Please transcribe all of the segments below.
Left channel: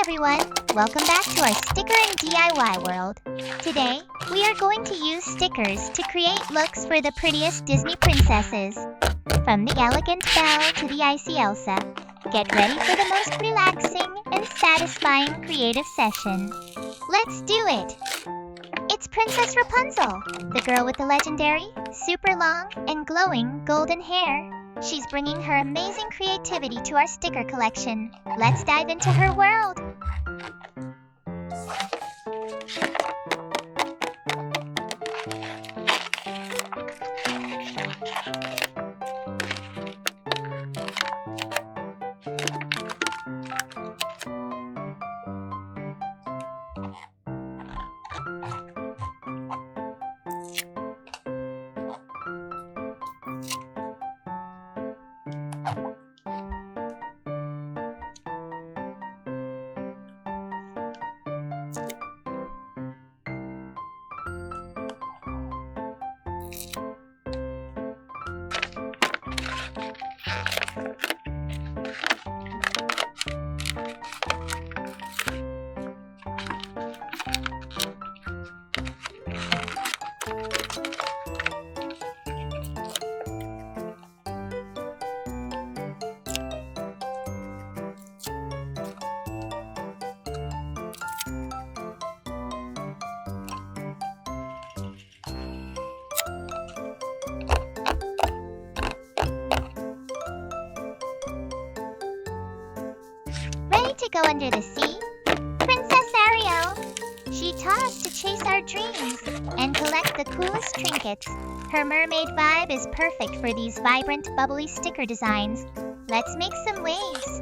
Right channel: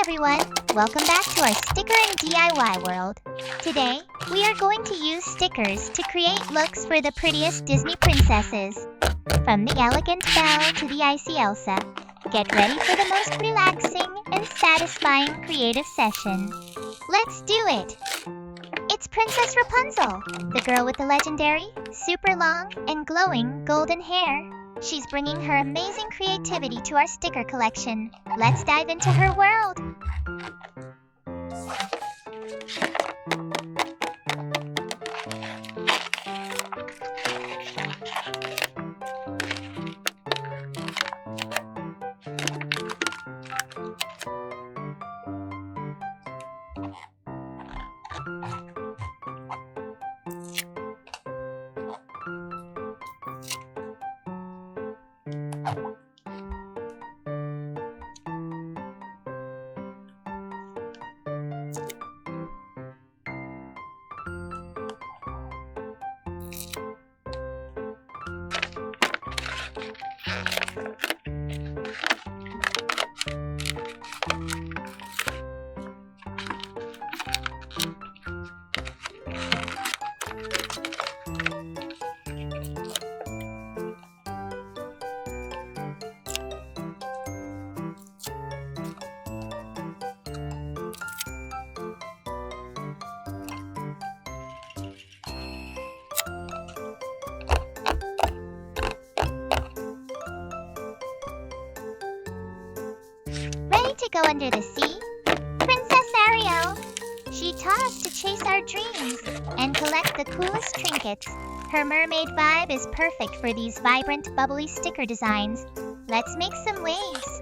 everyone! Welcome back to our sticker and DIY world. Today, we are going to use stickers to create looks for the prettiest Disney princesses. From the elegant Belle to the icy Elsa, get ready for the most relaxing and satisfying creative session. Let's do it! It's Princess Rapunzel, the girl with the legendary, super long, and glowing golden hair. She's bringing her amazing creativity to our sticker collection. Let's dive into her world. Ready to go under the sea? Princess Ariel! She taught us to chase our dreams and collect the coolest trinkets. Her mermaid vibe is perfect for these vibrant, bubbly sticker designs. Let's make some waves.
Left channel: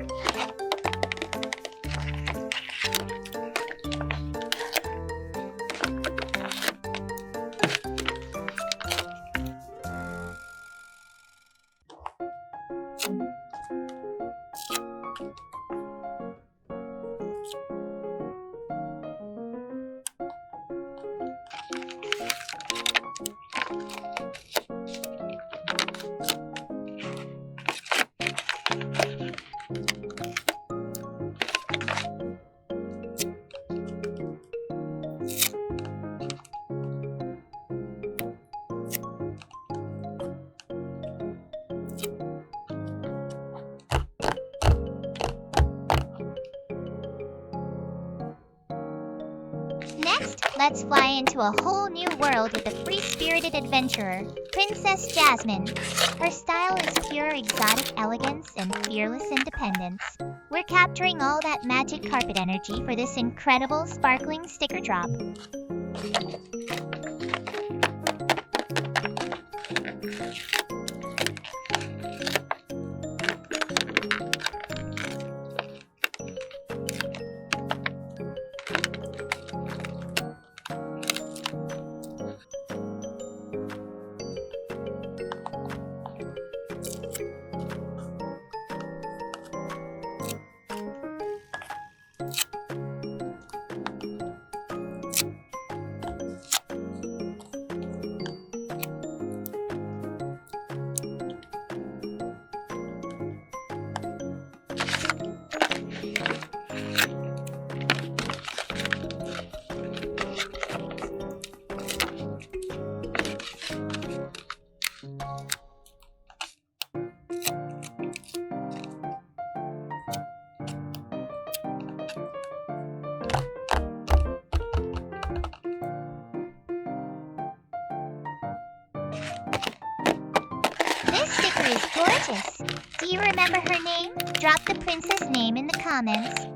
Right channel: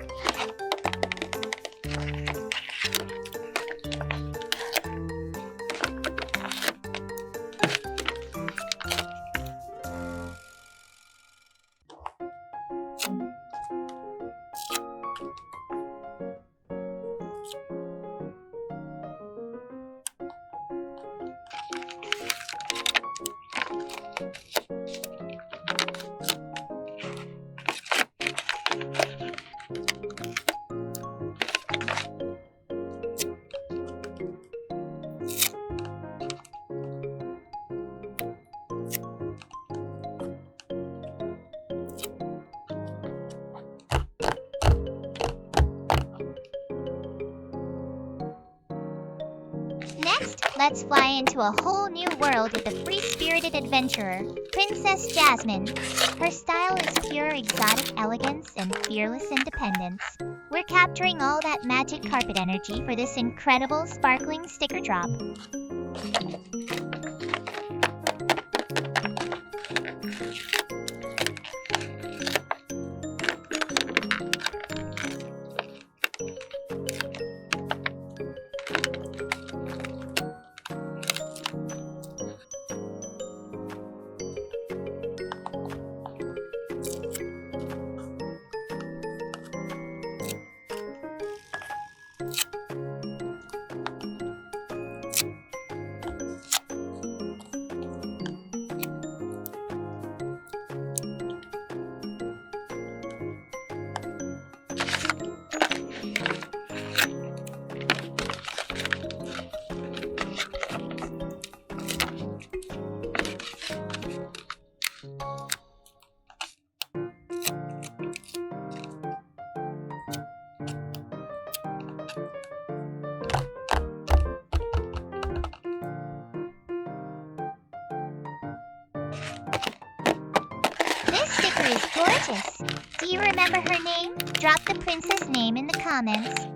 Next, let's fly into a whole new world with the free-spirited adventurer, Princess Jasmine. Her style is pure exotic elegance and fearless independence. We're capturing all that magic carpet energy for this incredible sparkling sticker drop. This sticker is gorgeous. Do you remember her name? Drop the princess name in the comments.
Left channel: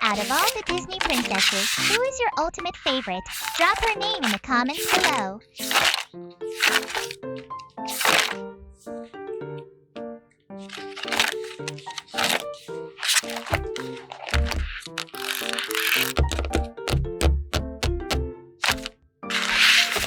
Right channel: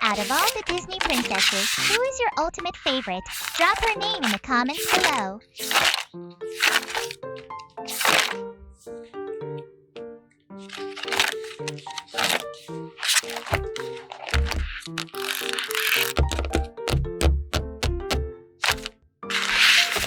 Out of all the Disney princesses, who is your ultimate favorite? Drop her name in the comments below.